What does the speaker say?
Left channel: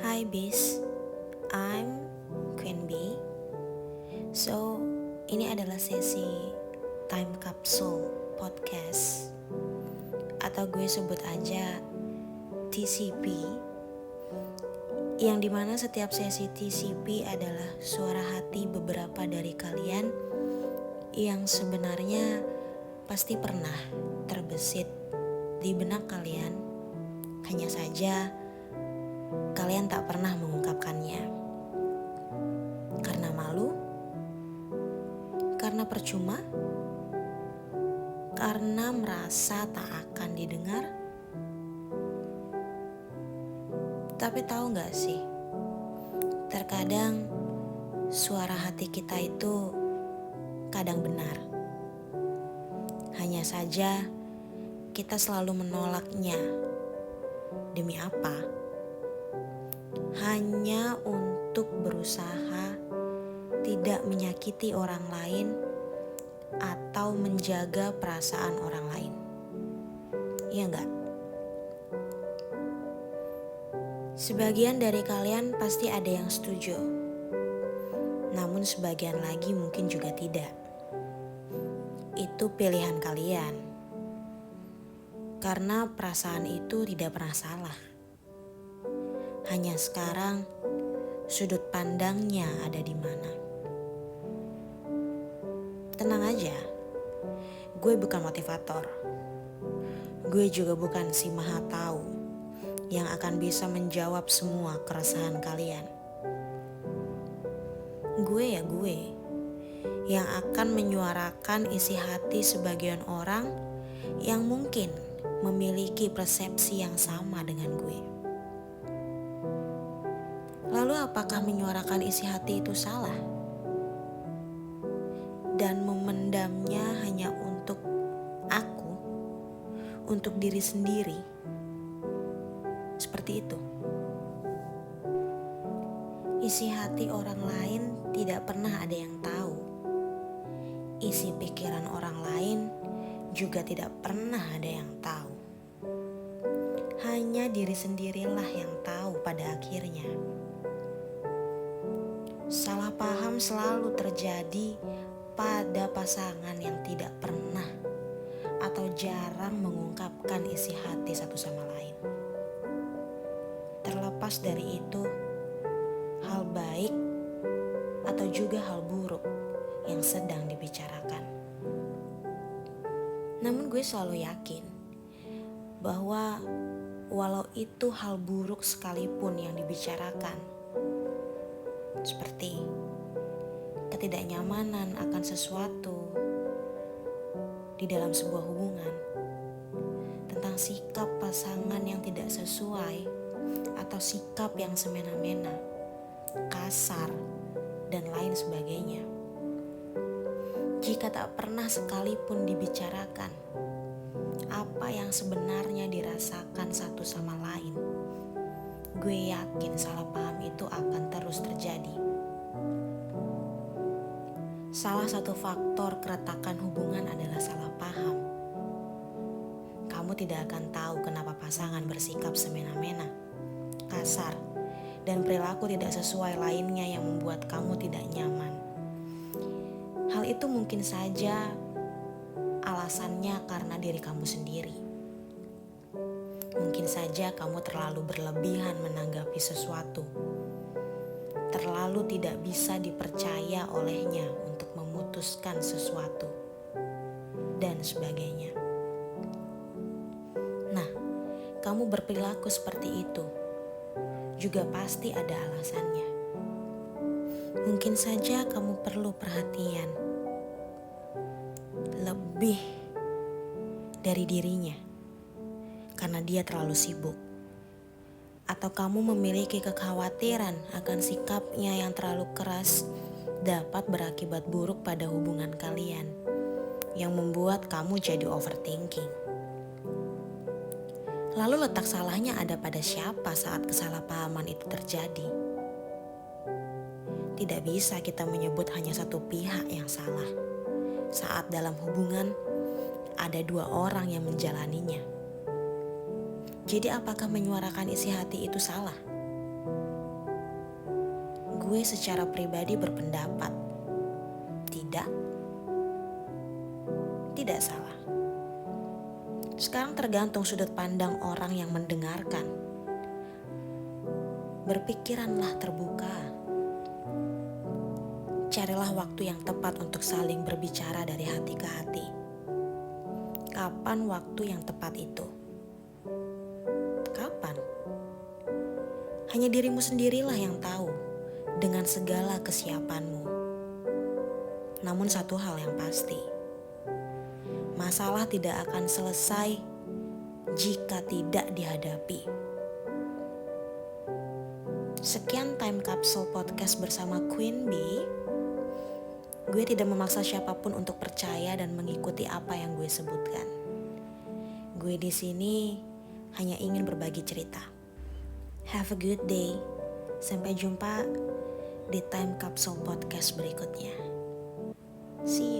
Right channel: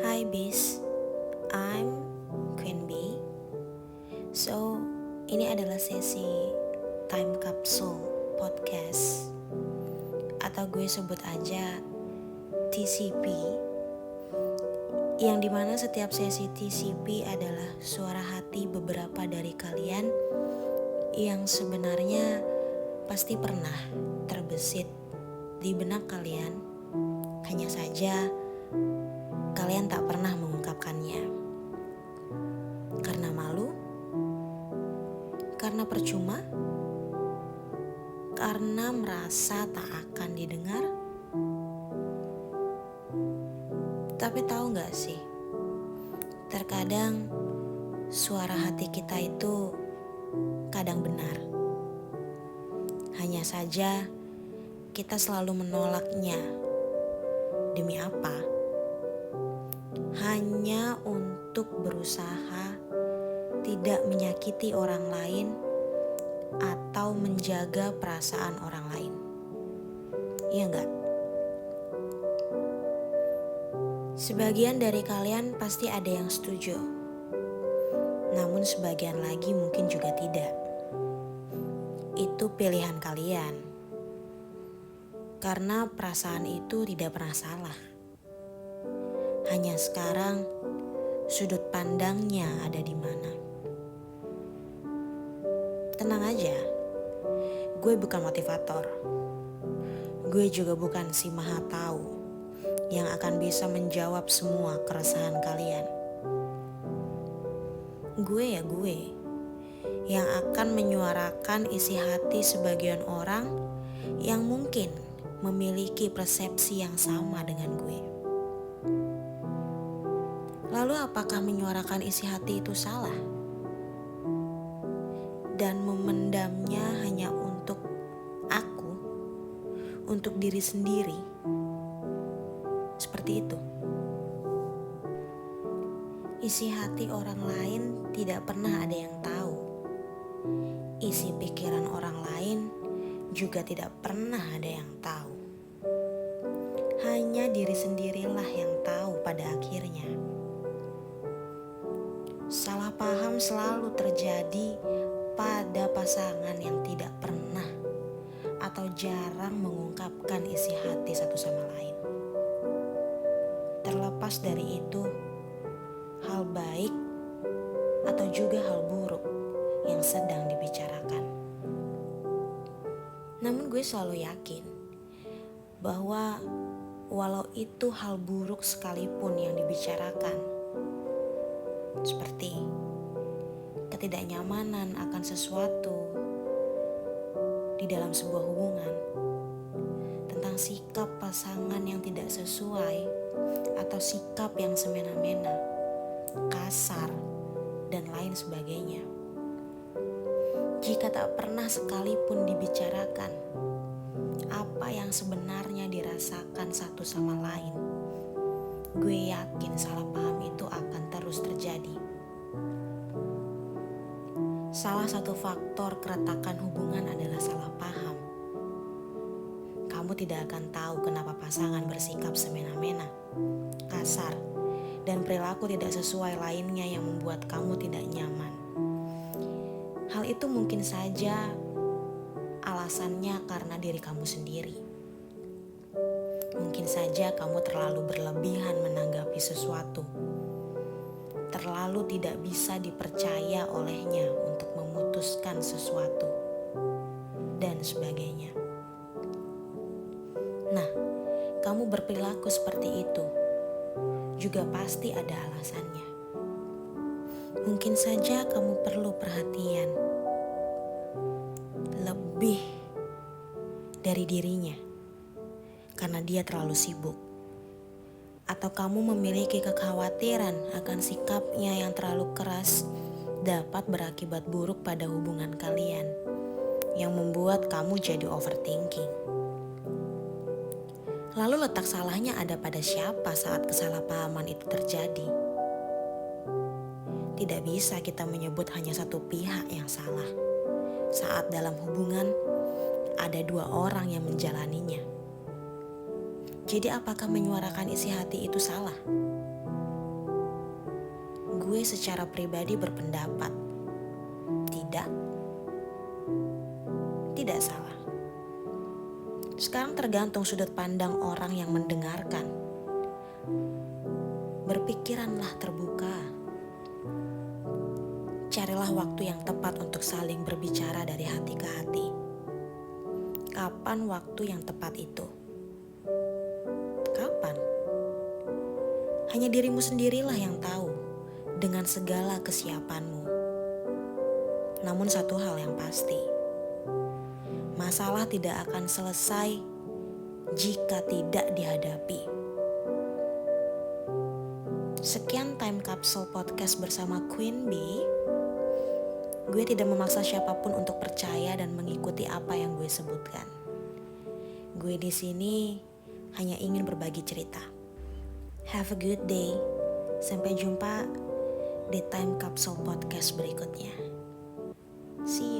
Hi Bis, I'm Queen B. So, ini adalah sesi Time Capsule Podcast atau gue sebut aja TCP, yang dimana setiap sesi TCP adalah suara hati beberapa dari kalian yang sebenarnya pasti pernah terbesit di benak kalian, hanya saja kalian tak pernah mengungkapkannya. Karena malu? Karena percuma? Karena merasa tak akan didengar? Tapi tahu gak sih, terkadang suara hati kita itu kadang benar. Hanya saja kita selalu menolaknya. Demi apa? Hanya untuk berusaha tidak menyakiti orang lain atau menjaga perasaan orang lain. Iya enggak? Sebagian dari kalian pasti ada yang setuju. Namun sebagian lagi mungkin juga tidak. Itu pilihan kalian. Karena perasaan itu tidak pernah salah. Hanya sekarang sudut pandangnya ada di mana. Tenang aja, gue bukan motivator. Gue juga bukan si maha tahu yang akan bisa menjawab semua keresahan kalian. Gue ya gue, yang akan menyuarakan isi hati sebagian orang yang mungkin memiliki persepsi yang sama dengan gue. Lalu apakah menyuarakan isi hati itu salah? Dan memendamnya hanya untuk aku, untuk diri sendiri, seperti itu. Isi hati orang lain tidak pernah ada yang tahu. Isi pikiran orang lain juga tidak pernah ada yang tahu. Hanya diri sendirilah yang tahu pada akhirnya. Salah paham selalu terjadi pada pasangan yang tidak pernah atau jarang mengungkapkan isi hati satu sama lain. Terlepas dari itu, hal baik atau juga hal buruk yang sedang dibicarakan. Namun gue selalu yakin bahwa walau itu hal buruk sekalipun yang dibicarakan, seperti ketidaknyamanan akan sesuatu di dalam sebuah hubungan, tentang sikap pasangan yang tidak sesuai atau sikap yang semena-mena, kasar, dan lain sebagainya. Jika tak pernah sekalipun dibicarakan apa yang sebenarnya dirasakan satu sama lain, gue yakin salah paham itu akan terus terjadi. Salah satu faktor keretakan hubungan adalah salah paham. Kamu tidak akan tahu kenapa pasangan bersikap semena-mena, kasar, dan perilaku tidak sesuai lainnya yang membuat kamu tidak nyaman. Hal itu mungkin saja alasannya karena diri kamu sendiri. Mungkin saja kamu terlalu berlebihan menanggapi sesuatu, terlalu tidak bisa dipercaya olehnya untuk memutuskan sesuatu, dan sebagainya. Nah, kamu berperilaku seperti itu juga pasti ada alasannya. Mungkin saja kamu perlu perhatian lebih dari dirinya karena dia terlalu sibuk. Atau kamu memiliki kekhawatiran akan sikapnya yang terlalu keras dapat berakibat buruk pada hubungan kalian, yang membuat kamu jadi overthinking. Lalu letak salahnya ada pada siapa saat kesalahpahaman itu terjadi? Tidak bisa kita menyebut hanya satu pihak yang salah saat dalam hubungan ada dua orang yang menjalaninya. Jadi apakah menyuarakan isi hati itu salah? gue secara pribadi berpendapat, tidak salah. Sekarang tergantung sudut pandang orang yang mendengarkan. Berpikiranlah terbuka. Carilah waktu yang tepat untuk saling berbicara dari hati ke hati. Kapan waktu yang tepat itu? Kapan? Hanya dirimu sendirilah yang tahu dengan segala kesiapanmu. Namun satu hal yang pasti, masalah tidak akan selesai jika tidak dihadapi. Sekian Time Capsule Podcast bersama Queen Bee. Gue tidak memaksa siapapun untuk percaya dan mengikuti apa yang gue sebutkan. Gue di sini hanya ingin berbagi cerita. Have a good day. Sampai jumpa di Time Capsule Podcast berikutnya. See you.